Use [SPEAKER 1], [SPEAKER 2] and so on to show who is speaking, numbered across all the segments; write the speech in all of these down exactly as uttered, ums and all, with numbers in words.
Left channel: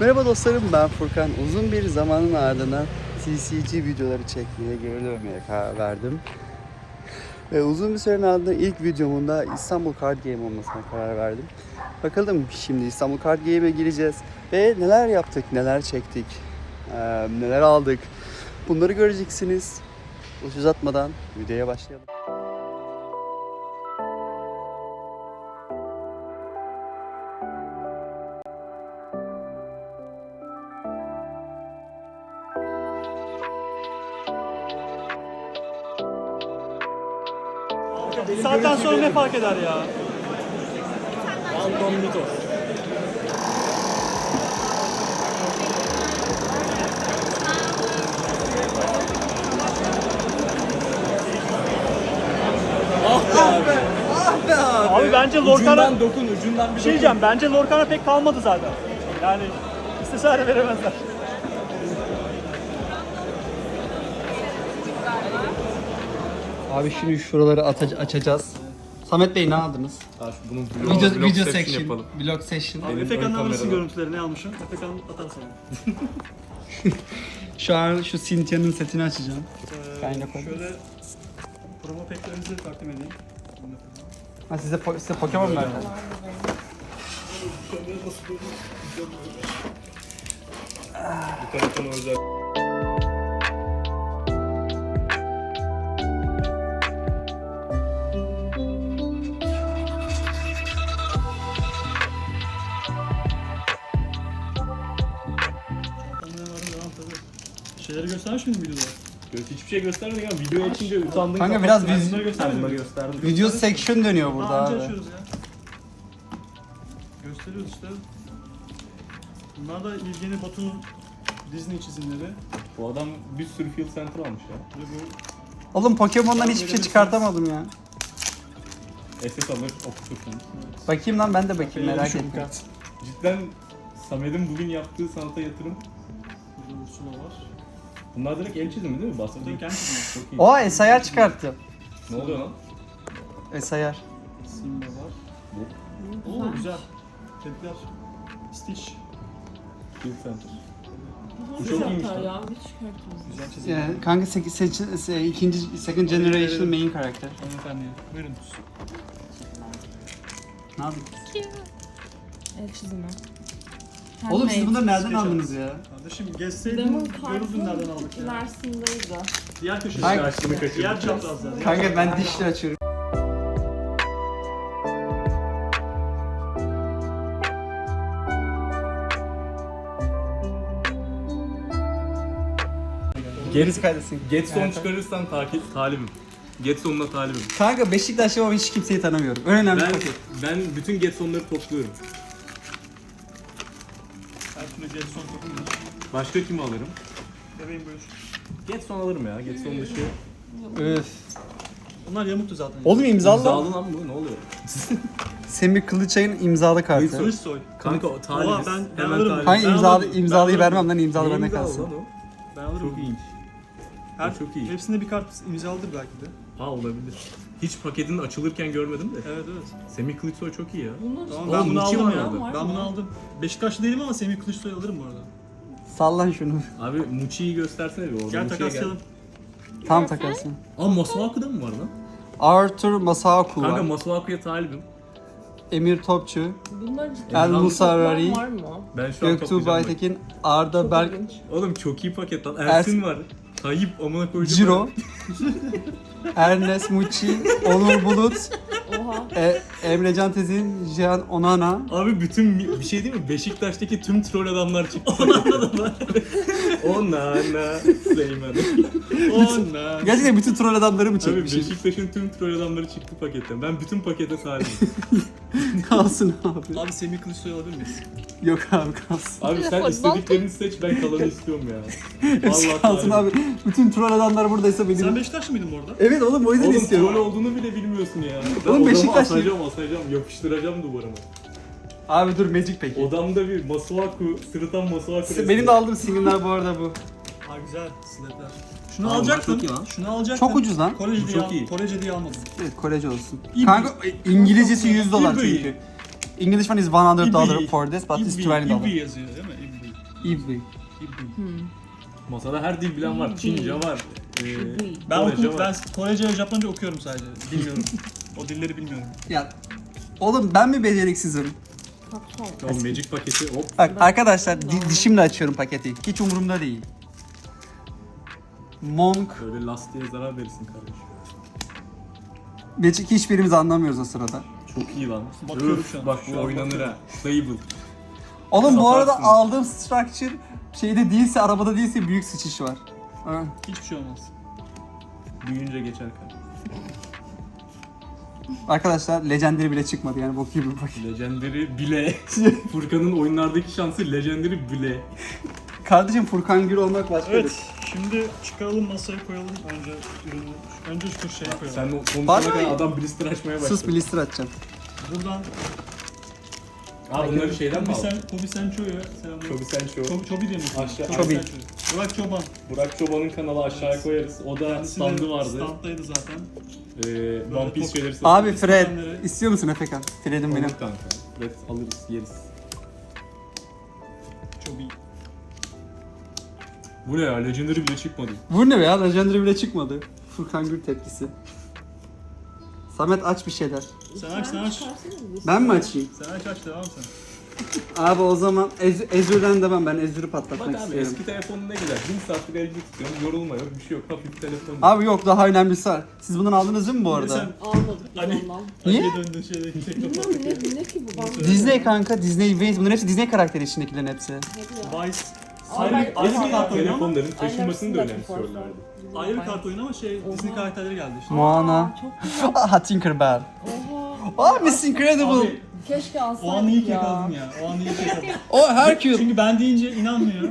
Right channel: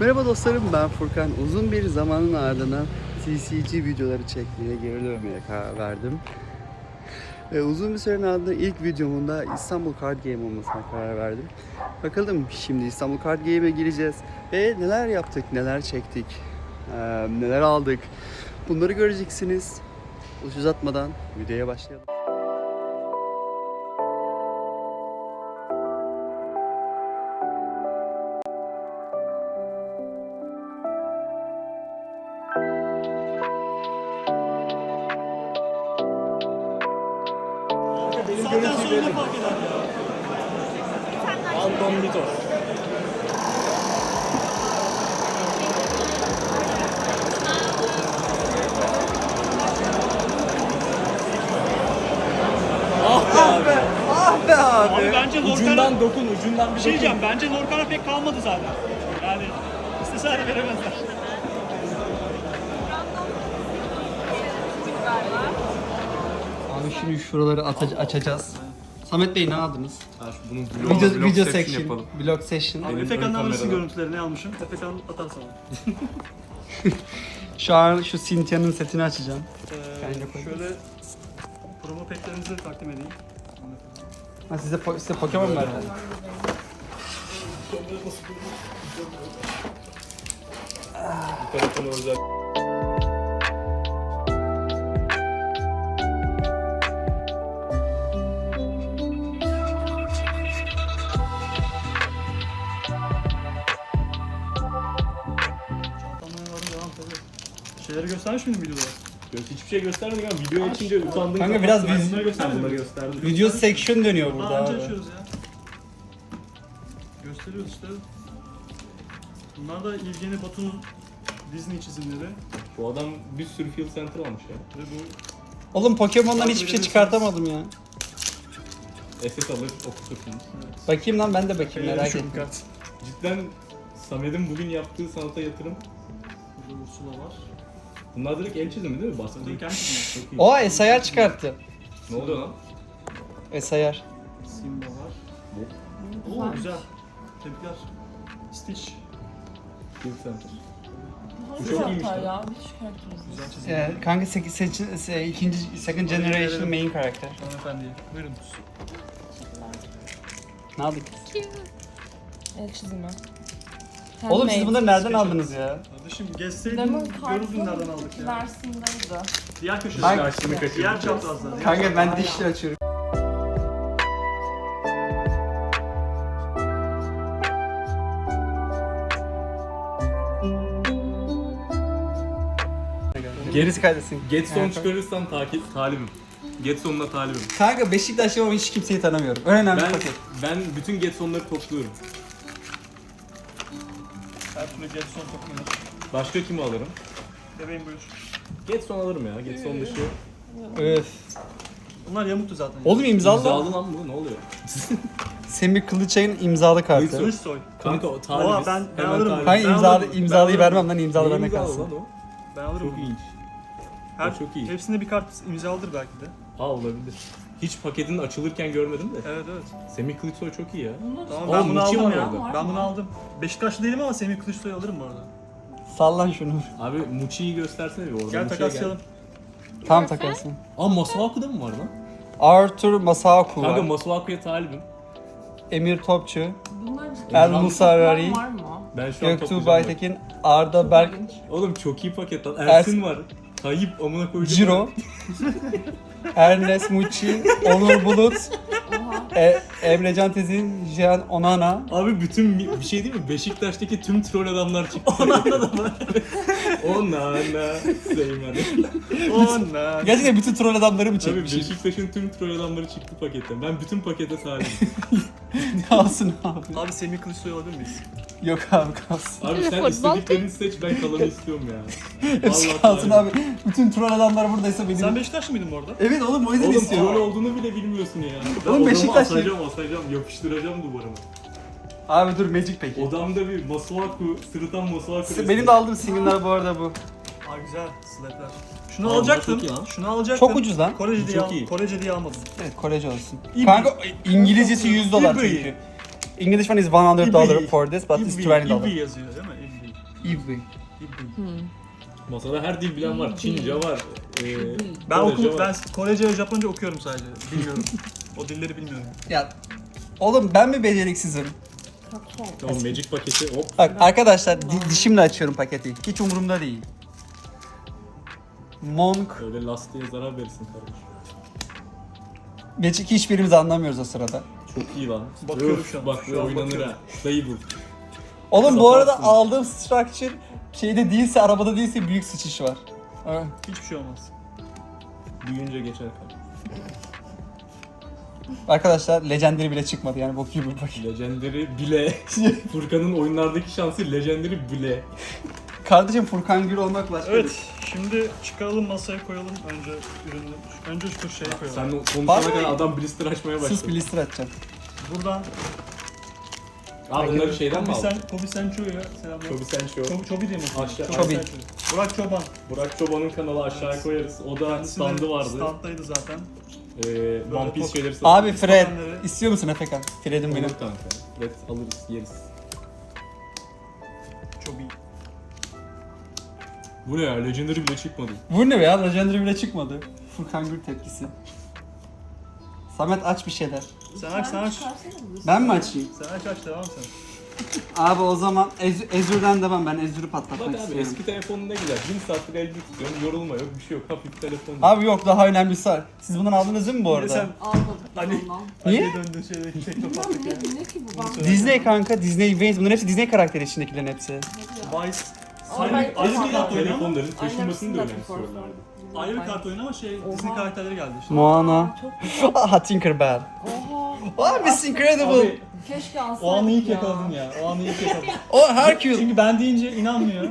[SPEAKER 1] Merhaba dostlarım, ben Furkan. Uzun bir zamanın ardından T C G videoları çekmeye, geri dönmeye karar verdim. Ve uzun bir sürenin ardından ilk videomun da İstanbul Card Game olmasına karar verdim. Bakalım şimdi İstanbul Card Game'e gireceğiz ve neler yaptık, neler çektik, ee, neler aldık. Bunları göreceksiniz. Uç uzatmadan videoya başlayalım.
[SPEAKER 2] Saatten sonra ne fark eder ya?
[SPEAKER 3] Anton Mito.
[SPEAKER 1] Ah be, ah be abi.
[SPEAKER 2] Abi bence Lorcan'a
[SPEAKER 3] Ucundan dokun, ucundan bir
[SPEAKER 2] şey
[SPEAKER 3] dokun.
[SPEAKER 2] diyeceğim. Bence Lorcan'a pek kalmadı zaten. Yani istese de veremezler.
[SPEAKER 1] Abi şimdi şuraları aç- açacağız. Samet Bey ne aldınız?
[SPEAKER 3] Ha, şu bunun
[SPEAKER 1] Video,
[SPEAKER 3] vlog, vlog
[SPEAKER 1] video
[SPEAKER 3] section
[SPEAKER 1] section,
[SPEAKER 3] yapalım.
[SPEAKER 1] vlog session.
[SPEAKER 2] Abi
[SPEAKER 3] Benim
[SPEAKER 2] Efekan'dan
[SPEAKER 3] ön
[SPEAKER 2] alırsın
[SPEAKER 3] kamerada.
[SPEAKER 2] görüntüleri ne almışım. Efekan atar sana.
[SPEAKER 1] Şu an şu Cynthia'nın setini açacağım.
[SPEAKER 2] Ee,
[SPEAKER 1] Ben de koydum.
[SPEAKER 2] şöyle promo pack'lerinizi takdim edeyim.
[SPEAKER 1] Ha size, po- size Pokemon verdim.
[SPEAKER 3] Bu tarafına özel.
[SPEAKER 2] Çantamdan aldım devam tabii. Şeyleri göstermiş miydim videoda?
[SPEAKER 3] Hiçbir şey göstermedik ama video açınca utandın.
[SPEAKER 1] Kanka biraz
[SPEAKER 3] Ben
[SPEAKER 1] biz-
[SPEAKER 3] bunları göstermedim. Bunları gösterdim.
[SPEAKER 1] Video section dönüyor burada
[SPEAKER 2] Daha önce
[SPEAKER 1] abi.
[SPEAKER 2] açıyoruz ya. Gösteriyoruz işte. Bunlar da İlgeni Batu'nun Disney çizimleri.
[SPEAKER 3] Bu adam bir sürü Field Center almış ya.
[SPEAKER 2] Ve bu
[SPEAKER 1] Oğlum Pokemon'dan hiçbir şey çıkartamadım ya.
[SPEAKER 3] S S alır, okutursunuz.
[SPEAKER 1] Bakayım lan ben de bakayım merak
[SPEAKER 2] Düşün
[SPEAKER 1] ettim.
[SPEAKER 2] kart.
[SPEAKER 3] Cidden Samet'in bugün yaptığı sanata yatırım.
[SPEAKER 2] Burada Ursula var.
[SPEAKER 3] Bunlar direkt el çizimi değil mi? Bastı
[SPEAKER 2] Zaten kendi çizimi.
[SPEAKER 3] Çok iyi.
[SPEAKER 1] Oha S I R çıkarttı.
[SPEAKER 3] Ne oluyor lan?
[SPEAKER 1] S I R.
[SPEAKER 2] Simba var.
[SPEAKER 3] Bu.
[SPEAKER 2] Oo güzel. Tebrikler. Stitch.
[SPEAKER 3] Field Center. Bu çok iyiymiş lan.
[SPEAKER 4] Ya bir çıkartıyoruz.
[SPEAKER 2] Güzel çizim.
[SPEAKER 1] Yani, kanka sek- seç- se- ikinci second generation main karakter.
[SPEAKER 2] Hanımefendi. Buyurun.
[SPEAKER 1] Ne yaptık?
[SPEAKER 4] El çizimi.
[SPEAKER 1] Oğlum siz bunları nereden
[SPEAKER 2] Special.
[SPEAKER 1] aldınız ya?
[SPEAKER 2] Kardeşim
[SPEAKER 4] Ama
[SPEAKER 2] gezseydin görürdün nereden aldık ya.
[SPEAKER 4] Versindeydi.
[SPEAKER 2] Diğer köşede.
[SPEAKER 1] Hangi-
[SPEAKER 3] Karşımı kaçırdık.
[SPEAKER 2] Diğer çaprazda.
[SPEAKER 1] Kanka ben dişle açıyorum.
[SPEAKER 3] Gerisi
[SPEAKER 1] kaydetsin.
[SPEAKER 3] Getson çıkarırsan takip talibim. Getson'la talibim.
[SPEAKER 1] Kanka Beşiktaş'ta ama hiç kimseyi tanımıyorum. Önemli
[SPEAKER 3] Ben
[SPEAKER 1] paket.
[SPEAKER 3] ben bütün Getson'ları topluyorum.
[SPEAKER 2] Her türlü Jetson takımı.
[SPEAKER 3] Başka kimi alırım?
[SPEAKER 2] Bebeğim buyur.
[SPEAKER 3] Getson alırım ya. Getson dışı.
[SPEAKER 1] Öf.
[SPEAKER 2] Bunlar yamuktu zaten.
[SPEAKER 1] Oğlum imzalı.
[SPEAKER 3] İmzalı lan bu ne oluyor?
[SPEAKER 1] Semih Kılıçay'ın imzalı kartı.
[SPEAKER 2] Kılıç soy.
[SPEAKER 3] Kanka o talibiz.
[SPEAKER 2] Oha, ben- ben
[SPEAKER 3] Hemen
[SPEAKER 2] alırım.
[SPEAKER 3] talibiz.
[SPEAKER 1] Hayır
[SPEAKER 2] Ben
[SPEAKER 1] imzalı,
[SPEAKER 2] alırım.
[SPEAKER 1] imzalıyı
[SPEAKER 2] Ben
[SPEAKER 1] vermem lan imzalı
[SPEAKER 3] Ne
[SPEAKER 1] bende
[SPEAKER 3] imzalı
[SPEAKER 1] kalsın.
[SPEAKER 3] lan o?
[SPEAKER 2] Ben alırım.
[SPEAKER 3] Çok iyiymiş.
[SPEAKER 2] Her,
[SPEAKER 3] Çok iyi.
[SPEAKER 2] Hepsinde bir kart imzalıdır belki de.
[SPEAKER 3] Ha olabilir. Hiç paketin açılırken görmedim de.
[SPEAKER 2] Evet evet.
[SPEAKER 3] Semih Kılıçsoy çok iyi ya.
[SPEAKER 4] Bunu
[SPEAKER 2] Tamam
[SPEAKER 3] Oğlum,
[SPEAKER 2] ben bunu
[SPEAKER 3] Muçi
[SPEAKER 2] aldım
[SPEAKER 3] var
[SPEAKER 2] ya.
[SPEAKER 3] orada.
[SPEAKER 2] Ben bunu aldım. Beşiktaşlı değilim ama Semih Kılıçsoy'u alırım bu arada.
[SPEAKER 1] Sallan şunu.
[SPEAKER 3] Abi Muçi'yi göstersene bir orada.
[SPEAKER 2] Gel
[SPEAKER 3] Muçi'ye
[SPEAKER 2] takaslayalım.
[SPEAKER 1] Tam takarsın.
[SPEAKER 3] Aa Masuaku'da mı var lan?
[SPEAKER 1] Arthur Masaku
[SPEAKER 3] Kanka
[SPEAKER 1] var.
[SPEAKER 3] Masuaku'ya talibim.
[SPEAKER 1] Emir Topçu,
[SPEAKER 4] bunlar ciddi.
[SPEAKER 1] El
[SPEAKER 3] Emrah
[SPEAKER 1] Musarrari,
[SPEAKER 4] var mı?
[SPEAKER 3] Ben şu an
[SPEAKER 1] Göktuğ
[SPEAKER 3] toplayacağım bak.
[SPEAKER 1] Baytekin, Arda Berk,
[SPEAKER 3] Oğlum çok iyi paket lan. Ersin var. Tayyip amına koyacağım.
[SPEAKER 1] Ciro, Ernest Muçi, Onur Bulut,
[SPEAKER 4] Oha.
[SPEAKER 1] e, Emrecan Tezin, Cihan Onana.
[SPEAKER 3] Abi bütün bir şey değil mi? Beşiktaş'taki tüm troll adamlar çıktı. Onana da var. Onana. Seymen.
[SPEAKER 2] Ona.
[SPEAKER 1] Gerçekten bütün troll adamları mı
[SPEAKER 3] Abi
[SPEAKER 1] çekmiş?
[SPEAKER 3] Beşiktaş'ın tüm troll adamları çıktı paketten. Ben bütün pakete talibim.
[SPEAKER 1] Kalsın abi.
[SPEAKER 2] Abi Semih Kılıçsoy'u alabilir miyiz?
[SPEAKER 1] Yok abi kalsın.
[SPEAKER 3] Abi sen istediklerini seç, ben kalanı istiyorum ya.
[SPEAKER 1] Hepsi kalsın
[SPEAKER 3] talibim.
[SPEAKER 1] abi. Bütün troll adamlar buradaysa benim.
[SPEAKER 2] Sen Beşiktaşlı mıydın bu arada?
[SPEAKER 1] Evet oğlum o yüzden
[SPEAKER 3] Oğlum
[SPEAKER 1] istiyorum.
[SPEAKER 3] troll olduğunu bile bilmiyorsun ya. Ben
[SPEAKER 1] Oğlum
[SPEAKER 3] odamı
[SPEAKER 1] Beşiktaşlı-
[SPEAKER 3] asacağım, asacağım, yapıştıracağım duvarıma.
[SPEAKER 1] Abi dur Magic peki.
[SPEAKER 3] Odamda bir Masuaku, sırıtan Masuaku.
[SPEAKER 1] Benim de aldığım single'lar bu arada bu.
[SPEAKER 2] Aa güzel. Slapler. Şunu
[SPEAKER 3] Aa,
[SPEAKER 2] alacaktım.
[SPEAKER 3] çok iyi lan.
[SPEAKER 2] Şunu alacaktım.
[SPEAKER 1] Çok ucuz lan.
[SPEAKER 2] Korece
[SPEAKER 3] Bu
[SPEAKER 2] diye,
[SPEAKER 3] çok
[SPEAKER 2] al-
[SPEAKER 3] iyi.
[SPEAKER 2] Korece diye almadım.
[SPEAKER 1] Evet Korece olsun.
[SPEAKER 2] İbi.
[SPEAKER 1] Kanka İngilizcesi yüz dolar
[SPEAKER 2] İbi.
[SPEAKER 1] çünkü. English one is one hundred
[SPEAKER 2] İbi.
[SPEAKER 1] dollar for this but it's
[SPEAKER 2] İbi,
[SPEAKER 1] twenty
[SPEAKER 2] İbi
[SPEAKER 1] dollars.
[SPEAKER 2] yazıyor değil mi? İbi.
[SPEAKER 1] İbri.
[SPEAKER 2] İbni.
[SPEAKER 4] Hmm.
[SPEAKER 3] Masada her dil bilen var. Çince var. E,
[SPEAKER 2] Ben
[SPEAKER 3] Korece
[SPEAKER 2] okudum,
[SPEAKER 3] var.
[SPEAKER 2] ben Korece ve Japonca okuyorum sadece. Bilmiyorum. O dilleri bilmiyorum.
[SPEAKER 1] Ya oğlum ben mi beceriksizim?
[SPEAKER 3] Tamam, Magic paketi hop.
[SPEAKER 1] Bak arkadaşlar di- dişimle açıyorum paketi. Hiç umurumda değil. Monk.
[SPEAKER 3] Böyle lastiğe zarar verirsin kardeşim.
[SPEAKER 1] Magic hiçbirimiz anlamıyoruz o sırada.
[SPEAKER 3] Çok iyi lan.
[SPEAKER 2] Bakıyorum
[SPEAKER 3] Öf,
[SPEAKER 2] şu an.
[SPEAKER 3] Bak
[SPEAKER 2] Şu
[SPEAKER 3] bu
[SPEAKER 2] an
[SPEAKER 3] oynanır
[SPEAKER 2] bakıyorum.
[SPEAKER 3] ha. Stable.
[SPEAKER 1] Oğlum bu arada
[SPEAKER 3] Satarsın.
[SPEAKER 1] aldığım structure şeyde değilse, arabada değilse büyük sıçış var. Ha.
[SPEAKER 2] Hiçbir şey olmaz.
[SPEAKER 3] Büyüyünce geçer kardeşim.
[SPEAKER 1] Arkadaşlar Legendary bile çıkmadı yani bok gibi bir paket.
[SPEAKER 3] Legendary bile. Furkan'ın oyunlardaki şansı Legendary bile.
[SPEAKER 1] Kardeşim Furkan Gür olmak başka
[SPEAKER 2] Evet, şimdi çıkaralım masaya koyalım önce ürünü. Önce şu şeye koyalım.
[SPEAKER 3] Sen konuşana
[SPEAKER 1] Bak-
[SPEAKER 3] kadar adam blister açmaya
[SPEAKER 1] bir
[SPEAKER 3] başladı.
[SPEAKER 1] sus blister atacağım.
[SPEAKER 2] Buradan
[SPEAKER 3] Aa bunları şeyden mi
[SPEAKER 2] Kobi
[SPEAKER 3] aldın?
[SPEAKER 2] Sen, Kobi Sencho'ya selamlar.
[SPEAKER 3] Çobi Sencho.
[SPEAKER 2] Çobi, Çobi diye mi?
[SPEAKER 3] Aşağı-
[SPEAKER 1] Çobi.
[SPEAKER 2] Sencho. Burak Çoban.
[SPEAKER 3] Burak Çoban'ın kanalı aşağıya koyarız. O da
[SPEAKER 2] Kendisi de
[SPEAKER 3] standı vardı.
[SPEAKER 2] Standdaydı zaten.
[SPEAKER 3] Ee, One Piece
[SPEAKER 2] pok-
[SPEAKER 3] şeyleri satıyor.
[SPEAKER 1] Abi Fred,
[SPEAKER 2] Pokemon'ları-
[SPEAKER 1] istiyor musun Efekan? Fred'im benim.
[SPEAKER 3] Olur kanka. Evet alırız yeriz.
[SPEAKER 2] Çobi.
[SPEAKER 3] Bu ne ya? Legendary bile çıkmadı.
[SPEAKER 1] Bu ne be ya? Legendary bile çıkmadı. Furkan Gür tepkisi. Samet aç bir şeyler.
[SPEAKER 2] Sen aç, sen aç.
[SPEAKER 1] Ben mi açayım?
[SPEAKER 2] Sen aç aç devam sen.
[SPEAKER 1] Abi o zaman Ez Ezür'den demem, ben Ezür'ü patlatmak
[SPEAKER 3] Bak abi
[SPEAKER 1] istiyorum.
[SPEAKER 3] eski telefonun ne güzel. Bir saattir elde tutuyorsun. Yorulma yok bir şey yok. Hafif telefon.
[SPEAKER 1] Abi yok, daha önemlisi var. Siz bundan aldınız mı bu
[SPEAKER 2] Bir de
[SPEAKER 1] arada?
[SPEAKER 2] sen
[SPEAKER 4] Almadık
[SPEAKER 2] Ali-
[SPEAKER 4] ondan.
[SPEAKER 1] Niye?
[SPEAKER 2] Ali'ye döndün şeyde teknopatlık ya.
[SPEAKER 4] Ne, ne ki bu? Ben
[SPEAKER 1] Disney kanka, Disney Vans. Bunların hepsi Disney karakteri içindekilerin hepsi.
[SPEAKER 2] Vice.
[SPEAKER 4] Aynen.
[SPEAKER 2] Ayrı, ayrı bir kart oyunu ama
[SPEAKER 3] telefonların taşınmasını da
[SPEAKER 4] Aynen.
[SPEAKER 3] önemsiyorlardı.
[SPEAKER 2] ayrı bir kart oyunu ama şey
[SPEAKER 4] Oha.
[SPEAKER 2] Disney karakterleri geldi işte.
[SPEAKER 1] Moana.
[SPEAKER 4] Çok
[SPEAKER 1] Aha Tinkerbell.
[SPEAKER 4] oha.
[SPEAKER 1] Abi Miss Incredible.
[SPEAKER 2] Abi
[SPEAKER 4] Keşke alsaydık
[SPEAKER 2] o anı ilk
[SPEAKER 4] ya.
[SPEAKER 2] yakaladım ya. O anı ilk yakaladım.
[SPEAKER 1] O Hercules.
[SPEAKER 2] Çünkü ben deyince inanmıyor.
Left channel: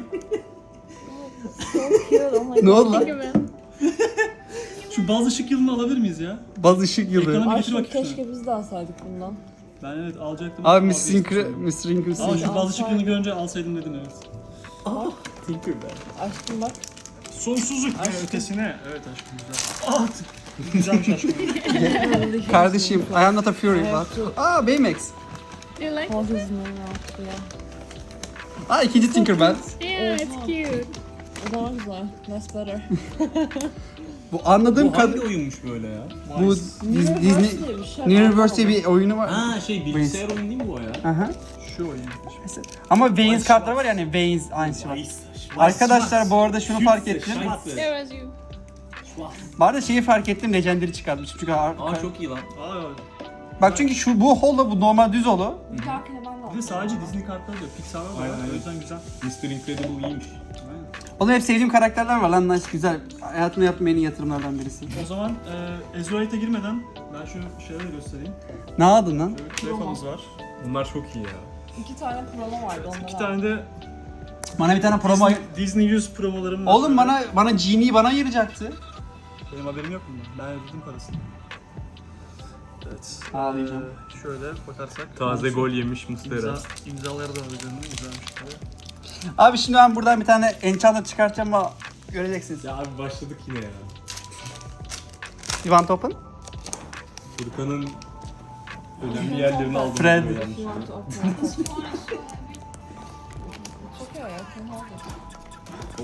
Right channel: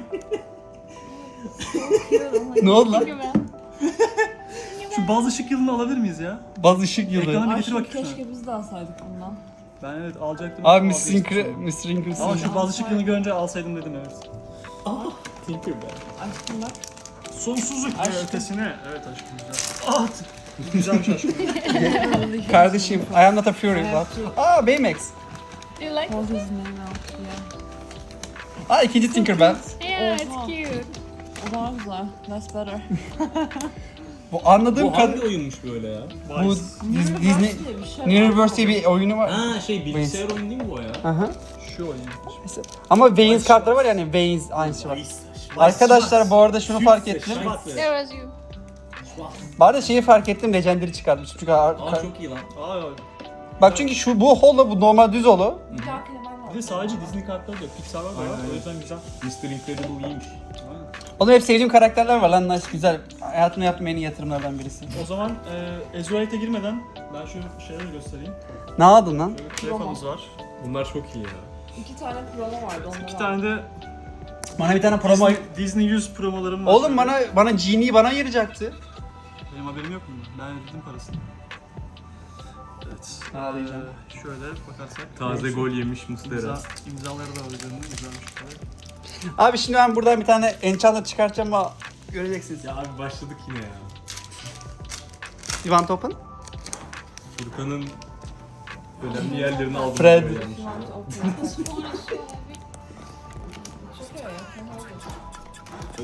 [SPEAKER 1] Ne oldu lan?
[SPEAKER 2] Şu baz ışık yılını alabilir miyiz ya?
[SPEAKER 1] Baz ışık yılı.
[SPEAKER 2] Ekrana bir
[SPEAKER 4] Ay
[SPEAKER 2] getir
[SPEAKER 4] şu
[SPEAKER 2] bakayım şuna.
[SPEAKER 4] keşke biz de alsaydık bundan.
[SPEAKER 2] Ben evet alacaktım.
[SPEAKER 1] Abi
[SPEAKER 2] ama
[SPEAKER 1] Miss
[SPEAKER 2] vazgeçtim
[SPEAKER 1] Incre...
[SPEAKER 2] sonra.
[SPEAKER 1] Miss Incredible.
[SPEAKER 2] Ama şu baz ışık yılını görünce alsaydım dedim evet.
[SPEAKER 3] Tinkerbell.
[SPEAKER 4] Aşkım bak.
[SPEAKER 2] Sonsuzluk ve
[SPEAKER 4] Aşkım.
[SPEAKER 2] ötesine. Evet aşkım güzel. Ah! Güzelmiş aşkım.
[SPEAKER 1] Kardeşim, I am not a fury. Bak. Aa Baymax.
[SPEAKER 5] You like
[SPEAKER 4] O Disney'in altı ya.
[SPEAKER 1] Aa ikinci Tinkerbell.
[SPEAKER 5] Yeah, it's
[SPEAKER 4] Oha.
[SPEAKER 5] cute.
[SPEAKER 4] O daha güzel. That's better.
[SPEAKER 1] Bu anladığım
[SPEAKER 3] Bu hangi
[SPEAKER 1] kadar...
[SPEAKER 3] oyunmuş böyle ya?
[SPEAKER 1] Bu
[SPEAKER 2] Vice.
[SPEAKER 1] Dis- Disney...
[SPEAKER 4] diye bir şey
[SPEAKER 1] Universe diye bir oyunu var.
[SPEAKER 3] Ha şey bilgisayar oyunu değil mi bu ya?
[SPEAKER 1] Aha.
[SPEAKER 2] Şu oyun.
[SPEAKER 1] Ama Vayne's kartları var yani Vayne's aynısı var. Arkadaşlar bu arada şunu fark ettim.
[SPEAKER 5] There was you.
[SPEAKER 1] Bu arada şeyi fark ettim, Legendary çıkarmış. Çünkü ar-
[SPEAKER 3] Aa çok iyi lan.
[SPEAKER 2] Aa,
[SPEAKER 1] Bak çünkü şu bu holo, bu normal düz holo.
[SPEAKER 4] Bir dahakine ben de
[SPEAKER 2] bir de
[SPEAKER 4] alacağım.
[SPEAKER 2] sadece Disney kartları diyor. Pixar var da
[SPEAKER 3] Aynen,
[SPEAKER 2] var. O
[SPEAKER 3] aynen.
[SPEAKER 2] yüzden güzel.
[SPEAKER 3] mister Incredible iyiymiş.
[SPEAKER 2] Aynen.
[SPEAKER 1] Oğlum hep sevdiğim karakterler var lan, nice, güzel. Hayatımda yaptığım en iyi yatırımlardan birisi.
[SPEAKER 2] O zaman e, Ezreal'e girmeden ben şu şeyleri göstereyim.
[SPEAKER 1] Ne aldın lan?
[SPEAKER 2] Şöyle telefonumuz var.
[SPEAKER 3] Bunlar çok iyi ya.
[SPEAKER 4] İki tane promo vardı onları
[SPEAKER 2] İki
[SPEAKER 4] aldım.
[SPEAKER 2] tane de
[SPEAKER 1] Bana bir tane promo...
[SPEAKER 2] Disney, Disney yüz promolarım var.
[SPEAKER 1] Oğlum
[SPEAKER 2] şöyle.
[SPEAKER 1] bana bana Genie'yi bana ayıracaktı.
[SPEAKER 2] Benim haberim yok mu? Ben ödedim parasını. Evet.
[SPEAKER 1] Ağlayacağım.
[SPEAKER 2] Ee, şöyle bakarsak.
[SPEAKER 3] Taze gol yemiş Muslera.
[SPEAKER 2] İmza, imzaları da var üzerinde. Güzelmiş tabii.
[SPEAKER 1] Abi şimdi ben buradan bir tane Enchanter çıkartacağım ama göreceksiniz.
[SPEAKER 3] Ya abi başladık yine ya.
[SPEAKER 1] You want open?
[SPEAKER 3] Furkan'ın önemli yerlerini aldım.
[SPEAKER 1] Fred.
[SPEAKER 3] böyle yanlış.
[SPEAKER 4] Çok iyi ya. fena değil.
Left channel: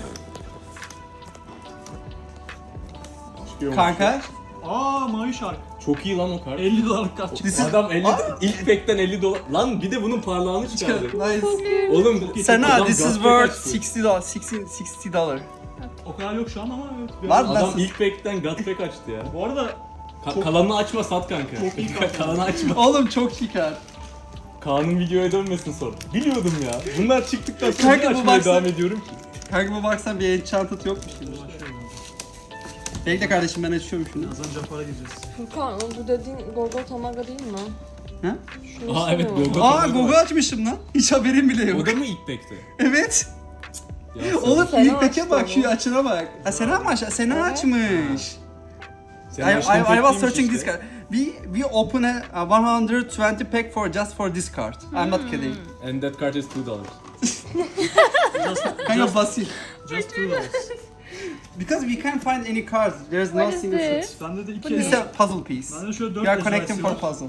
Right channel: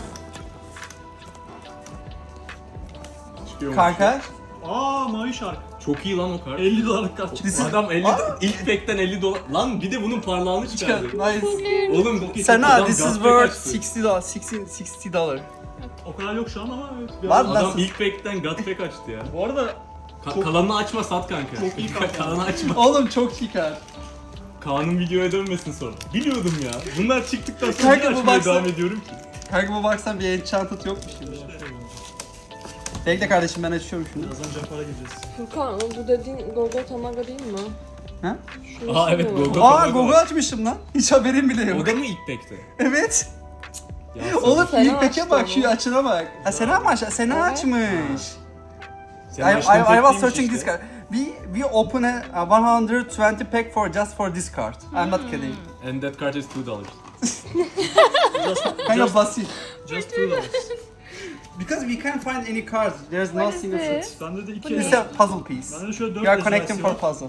[SPEAKER 3] Çıkıyormuş.
[SPEAKER 1] Kanka.
[SPEAKER 2] Aa Mavi Shark.
[SPEAKER 3] Çok iyi lan o kart.
[SPEAKER 2] elli dolarlık kart çıktı.
[SPEAKER 3] Adam elli ilk pack'ten elli dolar. Lan bir de bunun parlağını çıkardı.
[SPEAKER 1] Nice.
[SPEAKER 3] Oğlum
[SPEAKER 1] Sana
[SPEAKER 3] adam
[SPEAKER 1] this is
[SPEAKER 3] Godpack
[SPEAKER 1] worth
[SPEAKER 3] açtı.
[SPEAKER 1] sixty dollars. sixty dollars.
[SPEAKER 2] O kadar yok şu an ama evet. bir
[SPEAKER 1] Var
[SPEAKER 2] ara-
[SPEAKER 1] lan.
[SPEAKER 3] Adam ilk pack'ten Godpack açtı ya.
[SPEAKER 2] Bu arada
[SPEAKER 3] Ka-
[SPEAKER 2] Çok-
[SPEAKER 3] kalanını açma sat kanka.
[SPEAKER 2] Çok iyi kart.
[SPEAKER 3] Kalanı açma.
[SPEAKER 1] Oğlum çok iyi kart.
[SPEAKER 3] Kaan'ın videoya dönmesin sonra. Biliyordum ya. Bunlar çıktıktan sonra
[SPEAKER 1] Kanka
[SPEAKER 3] niye
[SPEAKER 1] bu
[SPEAKER 3] açmaya
[SPEAKER 1] baksana-
[SPEAKER 3] devam ediyorum ki.
[SPEAKER 1] Kanka bu baksan bir Enchanted yokmuş gibi. Bekle kardeşim, ben açıyorum şunu.
[SPEAKER 2] birazdan Japar'a gireceğiz.
[SPEAKER 4] Furkan bu dediğin Gogo Tamaga değil mi?
[SPEAKER 1] Ha?
[SPEAKER 4] Şurası
[SPEAKER 3] Aa evet
[SPEAKER 4] mı?
[SPEAKER 3] Gogo.
[SPEAKER 1] Aa
[SPEAKER 3] Tamaga
[SPEAKER 1] Gogo
[SPEAKER 3] var.
[SPEAKER 1] açmışım lan. Hiç haberim bile yok.
[SPEAKER 3] O da mı ilk pack'te?
[SPEAKER 1] Evet.
[SPEAKER 3] Ya
[SPEAKER 1] Oğlum
[SPEAKER 4] Sena
[SPEAKER 1] ilk peke
[SPEAKER 4] açtı
[SPEAKER 1] bak,
[SPEAKER 4] onu.
[SPEAKER 1] şu açına bak. Ha Sena mı aç? Sena
[SPEAKER 4] Evet.
[SPEAKER 1] açmış.
[SPEAKER 3] sen
[SPEAKER 1] I, I, I
[SPEAKER 3] baştan
[SPEAKER 1] was
[SPEAKER 3] pack'teymiş
[SPEAKER 1] searching
[SPEAKER 3] işte.
[SPEAKER 1] this card. We we open a, a one hundred twenty pack for just for this card. I'm not kidding.
[SPEAKER 3] And that card is two dollars.
[SPEAKER 1] Kind of basit.
[SPEAKER 2] Just two dollars.
[SPEAKER 1] Because we can't find any cards. There's no
[SPEAKER 5] What is
[SPEAKER 1] single
[SPEAKER 5] this?
[SPEAKER 1] fruit.
[SPEAKER 2] Bende de iki
[SPEAKER 1] It's
[SPEAKER 2] tane.
[SPEAKER 1] a puzzle piece.
[SPEAKER 2] Bende de şöyle dört
[SPEAKER 1] You are
[SPEAKER 2] ejderhası
[SPEAKER 1] connecting for
[SPEAKER 2] var.
[SPEAKER 1] puzzle.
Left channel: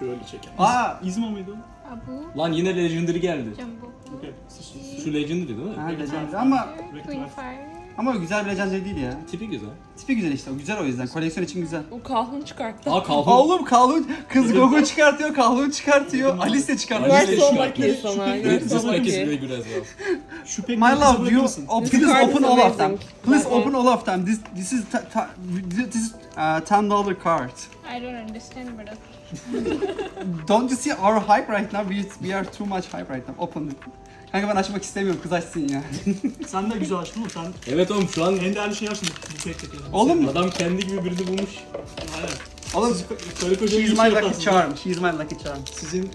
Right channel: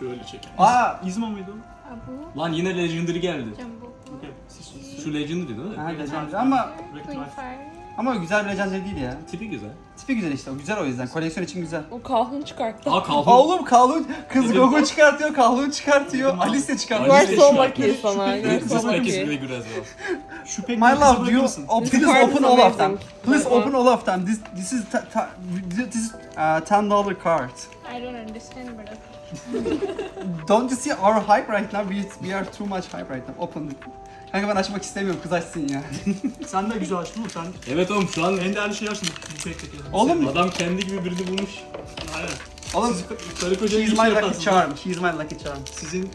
[SPEAKER 3] Şöyle çeker.
[SPEAKER 1] Aa!
[SPEAKER 2] İzma mıydı?
[SPEAKER 5] Abu,
[SPEAKER 3] Lan yine Legendary geldi.
[SPEAKER 5] Jumbo,
[SPEAKER 2] Okay. Siz-
[SPEAKER 3] Şu Legendary değil mi?
[SPEAKER 1] Ha, Legendary ama
[SPEAKER 5] Queen Fire.
[SPEAKER 1] ama güzel bir Legendary değil ya.
[SPEAKER 3] Tipi güzel.
[SPEAKER 1] Tipi güzel işte. O güzel o yüzden. Koleksiyon için güzel.
[SPEAKER 4] O kahun çıkarttı.
[SPEAKER 3] Aa kaldı.
[SPEAKER 1] Oğlum Kahlun, kız Gogo çıkartıyor, Kahlun çıkartıyor, Alice de çıkartıyor.
[SPEAKER 3] Alice de
[SPEAKER 4] Varsa
[SPEAKER 3] çıkarttı.
[SPEAKER 4] olmak iyi sana.
[SPEAKER 3] This
[SPEAKER 4] Varsa olmak
[SPEAKER 3] pack is
[SPEAKER 4] iyi.
[SPEAKER 3] really good as well.
[SPEAKER 2] Şu pek
[SPEAKER 1] My love, do you oh,
[SPEAKER 4] This
[SPEAKER 1] please
[SPEAKER 4] card
[SPEAKER 1] open
[SPEAKER 4] is
[SPEAKER 1] all of them.
[SPEAKER 4] amazing.
[SPEAKER 1] Please
[SPEAKER 4] That one.
[SPEAKER 1] open all of them. This this is ta- ta- this is uh, ten dollar card.
[SPEAKER 5] I don't understand, but okay.
[SPEAKER 1] Don't you see our hype right now? We we are too much hype right now. Open it. Kanka ben açmak istemiyorum. Kız açsın ya.
[SPEAKER 2] Sen de güzel açtın mı? Sen
[SPEAKER 3] Evet oğlum şu an
[SPEAKER 2] en değerli şeyi açtın bu pekteki.
[SPEAKER 1] Oğlum,
[SPEAKER 3] adam kendi gibi birini bulmuş.
[SPEAKER 2] Aynen.
[SPEAKER 1] oğlum.
[SPEAKER 2] Karı koca
[SPEAKER 1] She's
[SPEAKER 2] iyi
[SPEAKER 1] my
[SPEAKER 2] şey
[SPEAKER 1] lucky
[SPEAKER 2] yaparsın.
[SPEAKER 1] charm. She's my lucky charm.
[SPEAKER 2] Sizin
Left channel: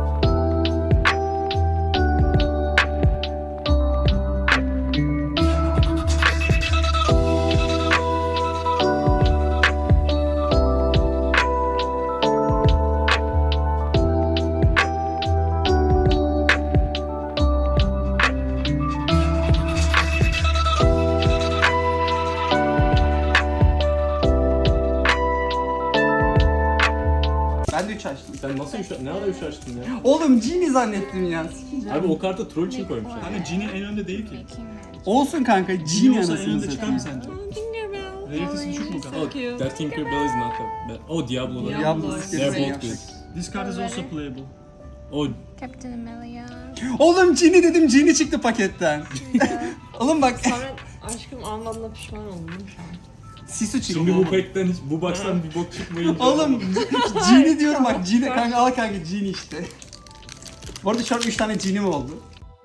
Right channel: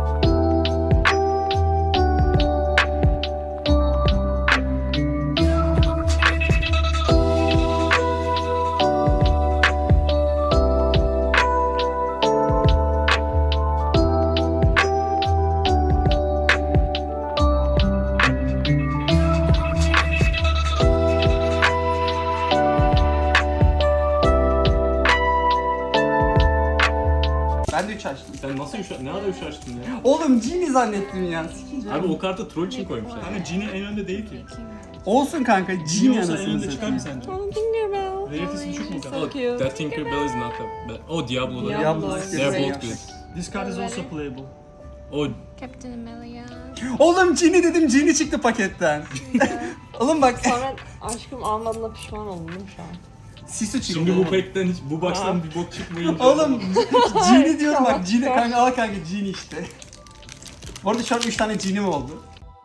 [SPEAKER 1] Ben de üç açtım.
[SPEAKER 3] Sen nasıl üç, ne ara üç açtın ya?
[SPEAKER 1] Oğlum Genie zannettim ya. Sikeceğim.
[SPEAKER 3] Abi o kartı troll için koymuşlar.
[SPEAKER 2] hani Genie en önde değil ki.
[SPEAKER 1] Olsun kanka.
[SPEAKER 2] Genie
[SPEAKER 1] Genie
[SPEAKER 2] olsa en
[SPEAKER 1] anasını
[SPEAKER 2] önde çıkar mı
[SPEAKER 1] satayım.
[SPEAKER 2] sence?
[SPEAKER 4] Oh, Tinkerbell.
[SPEAKER 2] Rarity'si düşük mü kanka?
[SPEAKER 3] Oh, that Tinkerbell is not a bad. Oh Diablo.
[SPEAKER 4] Diablo.
[SPEAKER 1] Diablo
[SPEAKER 3] They're
[SPEAKER 1] sikeceğim.
[SPEAKER 3] both good.
[SPEAKER 2] This card is also playable.
[SPEAKER 3] Oh
[SPEAKER 5] Captain Amelia.
[SPEAKER 1] Oğlum Genie dedim, Genie çıktı paketten. Oğlum bak,
[SPEAKER 4] Sonra aşkım anlamda pişman oldum şu an.
[SPEAKER 1] Sisu çıktı.
[SPEAKER 3] şimdi bu pack'ten hiç bu box'tan bir bok çıkmayınca.
[SPEAKER 1] Oğlum Genie diyorum bak, Genie kanka al kanka Genie işte. Bu arada şu an üç tane Genie'm oldu.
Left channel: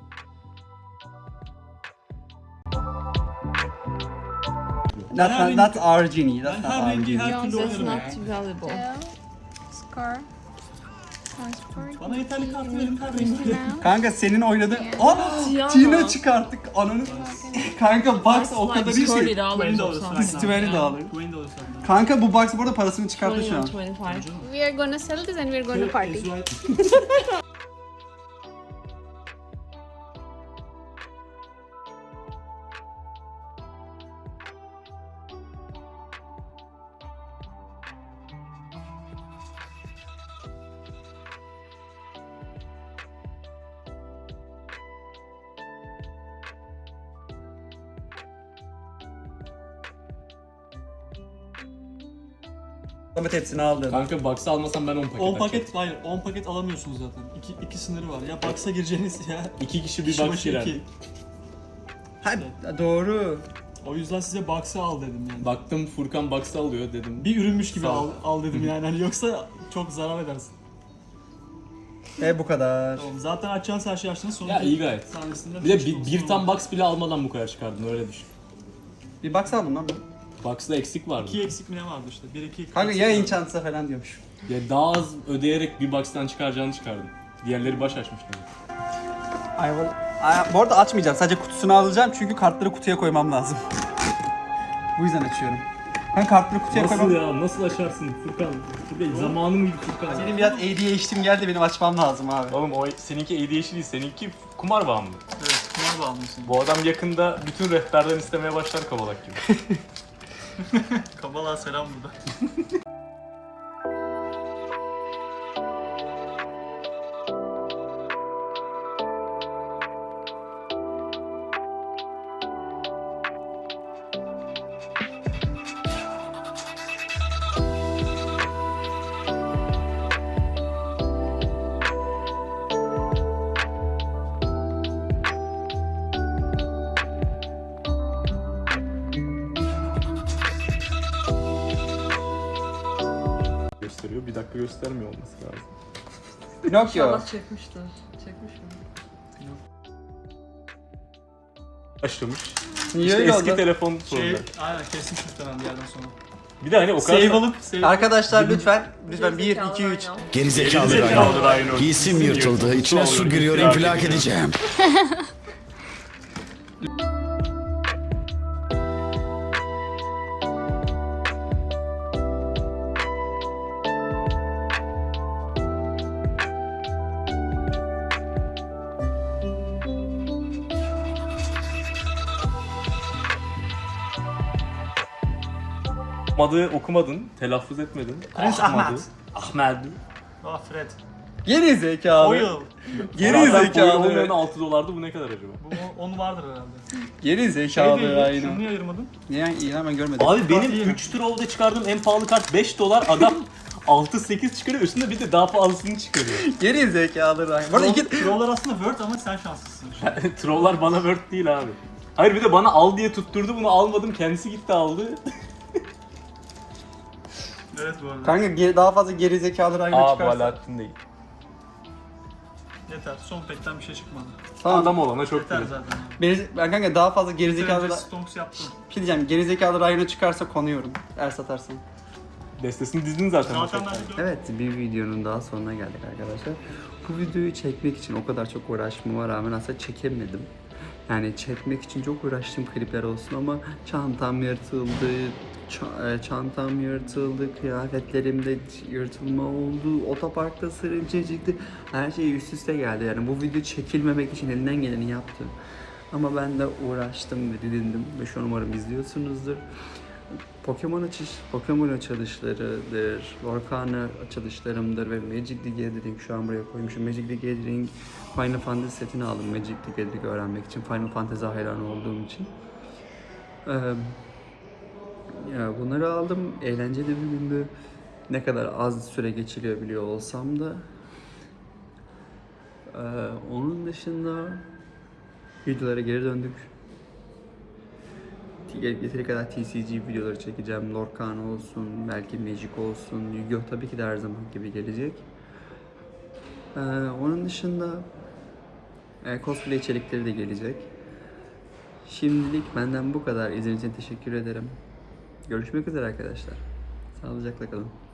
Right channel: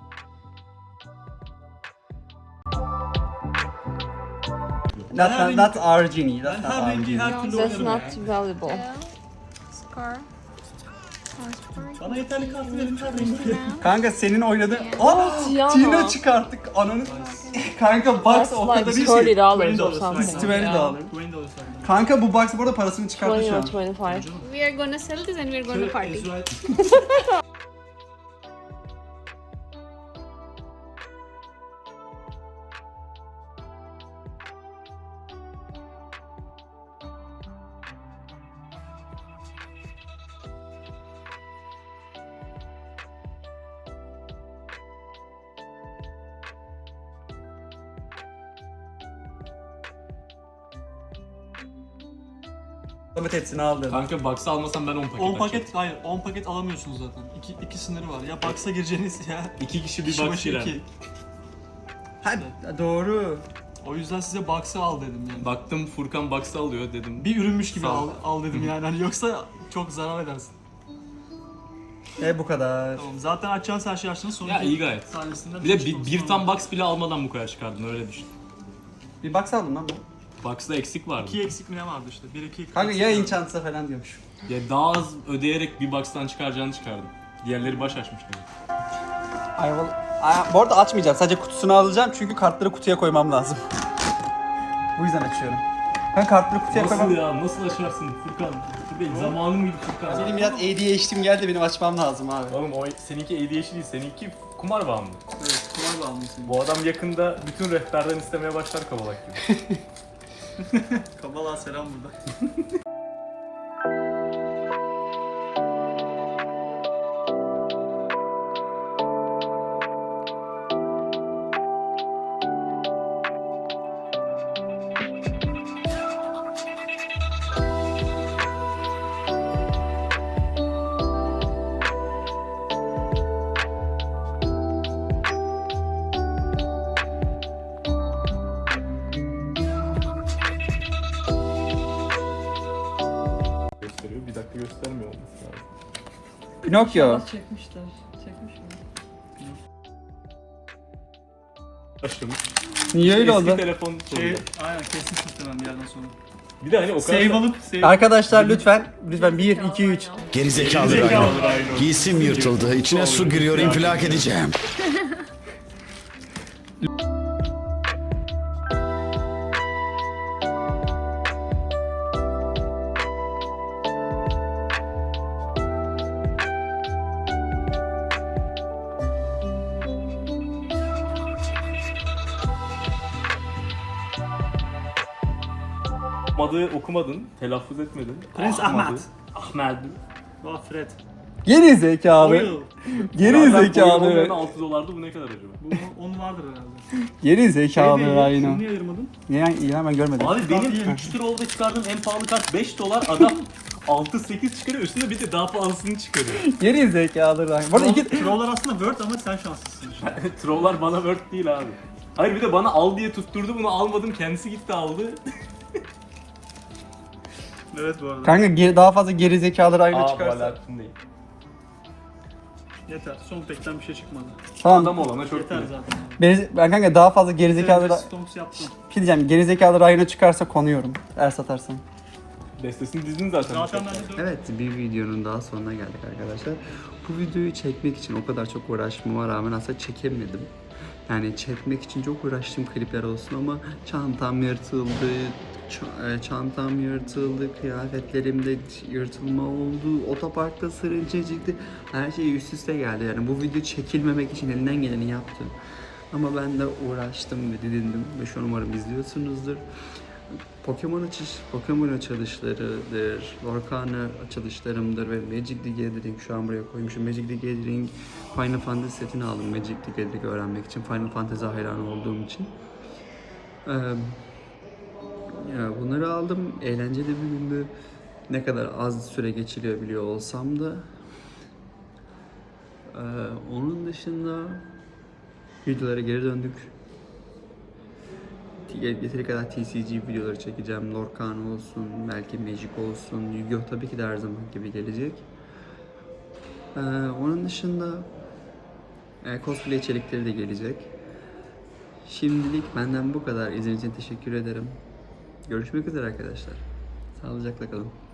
[SPEAKER 1] Not,
[SPEAKER 2] her
[SPEAKER 1] not our Genie,
[SPEAKER 2] Ben
[SPEAKER 1] that's not
[SPEAKER 2] her
[SPEAKER 1] our
[SPEAKER 2] rengi
[SPEAKER 1] Genie.
[SPEAKER 2] her türlü
[SPEAKER 4] That's
[SPEAKER 2] oynarım ya.
[SPEAKER 4] not valuable.
[SPEAKER 5] Tail. Scar. Transport.
[SPEAKER 2] Bana yeterli kart verin her rengi.
[SPEAKER 5] Now.
[SPEAKER 1] Kanka senin oynadığın... Aa!
[SPEAKER 4] Tiana.
[SPEAKER 1] Tina çıkarttık, ananı... Kanka box o kadar iyi şey.
[SPEAKER 2] twenty
[SPEAKER 4] dollars
[SPEAKER 2] dollars
[SPEAKER 4] or
[SPEAKER 2] right
[SPEAKER 1] It's
[SPEAKER 2] now.
[SPEAKER 1] twenty dollars.
[SPEAKER 2] twenty dollars right now.
[SPEAKER 1] Kanka bu box bu arada parasını çıkarttı
[SPEAKER 4] twenty
[SPEAKER 1] şu
[SPEAKER 4] or
[SPEAKER 1] an.
[SPEAKER 4] twenty-five.
[SPEAKER 5] We are gonna sell this and we are gonna party.
[SPEAKER 2] Is right.
[SPEAKER 1] Samet hepsini aldı.
[SPEAKER 3] Kanka box'ı almasam ben on paket
[SPEAKER 2] on
[SPEAKER 3] açacağım.
[SPEAKER 2] paket, hayır on paket alamıyorsunuz zaten. İki, iki sınırı var. Ya box'a gireceğiniz ya.
[SPEAKER 3] İki kişi bir
[SPEAKER 2] Kişi
[SPEAKER 3] box
[SPEAKER 2] başı
[SPEAKER 3] girer.
[SPEAKER 2] iki.
[SPEAKER 1] Ha, doğru.
[SPEAKER 2] O yüzden size box'ı al dedim yani.
[SPEAKER 3] Baktım Furkan box'ı alıyor dedim.
[SPEAKER 2] Bir ürünmüş gibi
[SPEAKER 3] Sağ
[SPEAKER 2] al,
[SPEAKER 3] ol.
[SPEAKER 2] al dedim yani. Hani yoksa çok zarar edersin.
[SPEAKER 1] E bu kadar.
[SPEAKER 2] Tamam. Zaten açacağınız her şeyi açtınız. Sonra
[SPEAKER 3] Ya iyi gayet.
[SPEAKER 2] tanesinden
[SPEAKER 3] Bir de
[SPEAKER 2] üç
[SPEAKER 3] bir,
[SPEAKER 2] dolar
[SPEAKER 3] bir
[SPEAKER 2] sonra
[SPEAKER 3] tam
[SPEAKER 2] var.
[SPEAKER 3] box bile almadan bu kadar çıkardın öyle düşün.
[SPEAKER 1] Bir box aldım lan ben.
[SPEAKER 3] Box'ta eksik vardı.
[SPEAKER 2] İki eksik mi ne vardı işte? Bir iki
[SPEAKER 1] Kanka
[SPEAKER 2] eksik
[SPEAKER 1] ya
[SPEAKER 2] vardı.
[SPEAKER 1] enchantsa falan diyormuş.
[SPEAKER 3] Ya daha az ödeyerek bir box'tan çıkaracağını çıkardım. Diğerleri baş açmış demek.
[SPEAKER 1] Ayvalı. Ay, bu arada açmayacağım. Sadece kutusunu alacağım çünkü kartları kutuya koymam lazım. Bu yüzden açıyorum. Ben kartları kutuya
[SPEAKER 3] Nasıl
[SPEAKER 1] koymam.
[SPEAKER 3] ya? Nasıl açarsın Furkan? Bir de zamanım gibi Furkan.
[SPEAKER 1] Benim biraz A D H D'm geldi, benim açmam lazım abi.
[SPEAKER 3] Oğlum o seninki A D H D değil, seninki kumar bağımlı.
[SPEAKER 2] Evet, kumar bağımlısın.
[SPEAKER 3] Bu adam yakında bütün rehberden istemeye başlar kabalak gibi.
[SPEAKER 2] Kabala selam burada.
[SPEAKER 3] Gösteriyor, bir dakika göstermiyor olması lazım.
[SPEAKER 1] Pinokyo.
[SPEAKER 4] İnşallah çekmiştir. Çekmiş mi?
[SPEAKER 3] Başlamış.
[SPEAKER 1] Niye öyle
[SPEAKER 3] Eski
[SPEAKER 1] oldu?
[SPEAKER 3] telefon
[SPEAKER 2] Şey,
[SPEAKER 3] koydu.
[SPEAKER 2] aynen kesin muhtemelen bir yerden sonra.
[SPEAKER 3] Bir de hani o kadar...
[SPEAKER 2] Save alıp save.
[SPEAKER 1] Arkadaşlar lütfen, lütfen bir, iki, üç.
[SPEAKER 6] Gerizekalı Rayno. Giysim yırtıldı. İçine su giriyor. infilak edeceğim.
[SPEAKER 3] Okumadı, okumadın, telaffuz etmedin.
[SPEAKER 2] Prens Ahmet.
[SPEAKER 3] Ahmet.
[SPEAKER 2] Aa Fred.
[SPEAKER 1] Geri zekalı.
[SPEAKER 2] Oil.
[SPEAKER 1] Geri
[SPEAKER 3] Oyun olmayanı
[SPEAKER 1] zekalı.
[SPEAKER 3] altı dolardı, bu ne kadar acaba?
[SPEAKER 2] Bu on vardır herhalde.
[SPEAKER 1] Geri
[SPEAKER 2] Şey
[SPEAKER 1] zekalı
[SPEAKER 2] değil,
[SPEAKER 1] Rhino.
[SPEAKER 2] şunu niye ayırmadın?
[SPEAKER 1] Niye ya ben görmedim.
[SPEAKER 3] Abi
[SPEAKER 2] Kart
[SPEAKER 3] benim
[SPEAKER 2] iyi mi?
[SPEAKER 3] üç trollde çıkardığım en pahalı kart beş dolar, adam altı sekiz çıkarıyor, üstünde bir de daha pahalısını çıkarıyor.
[SPEAKER 1] Geri zekalı Rhino. Bu arada iki...
[SPEAKER 2] Troller aslında Word ama sen şanslısın şu an.
[SPEAKER 3] Trolllar bana word değil abi. Hayır, bir de bana al diye tutturdu, bunu almadım, kendisi gitti aldı.
[SPEAKER 2] Evet bu arada.
[SPEAKER 1] Kanka geri, daha fazla geri zekalı Rhino çıkarsa.
[SPEAKER 3] Alaaddin değil.
[SPEAKER 2] Yeter. Son pekten bir şey çıkmadı.
[SPEAKER 1] Tamam.
[SPEAKER 3] Adam olana çok
[SPEAKER 2] Yeter
[SPEAKER 3] iyi.
[SPEAKER 2] zaten.
[SPEAKER 1] Ben, ben kanka daha fazla geri zekalı
[SPEAKER 2] Zekalı
[SPEAKER 1] Ra-
[SPEAKER 2] Stonks yaptın.
[SPEAKER 1] bir şey diyeceğim. Geri zekalı Rhino çıkarsa konuyorum. Eğer satarsın.
[SPEAKER 3] Destesini dizdin zaten.
[SPEAKER 2] Zaten ben de dört.
[SPEAKER 1] Evet, bir videonun daha sonuna geldik arkadaşlar. Bu videoyu çekmek için o kadar çok uğraşmama rağmen aslında çekemedim. Yani çekmek için çok uğraştım klipler olsun ama çantam yırtıldı, ç- e, çantam yırtıldı, kıyafetlerimde yırtılma oldu, otoparkta sırınca çıktı. Her şey üst üste geldi. Yani bu video çekilmemek için elinden geleni yaptı. Ama ben de uğraştım ve didindim ve şu an umarım izliyorsunuzdur. Pokemon açış, Pokemon açılışlarıdır, Lorcana açılışlarımdır ve Magic the Gathering şu an buraya koymuşum. Magic the Gathering Final Fantasy setini aldım Magic the Gathering öğrenmek için, Final Fantasy hayranı olduğum için. Ee, ya bunları aldım, eğlenceli bir gündü. Ne kadar az süre geçiriyor biliyor olsam da. Ee, onun dışında videolara geri döndük. Yeteri kadar T C G videoları çekeceğim. Lorcana olsun, belki Magic olsun. Yu-Gi-Oh tabii ki de her zaman gibi gelecek. Ee, onun dışında e, cosplay içerikleri de gelecek. Şimdilik benden bu kadar. İzlediğiniz için teşekkür ederim. Görüşmek üzere arkadaşlar. Sağlıcakla kalın.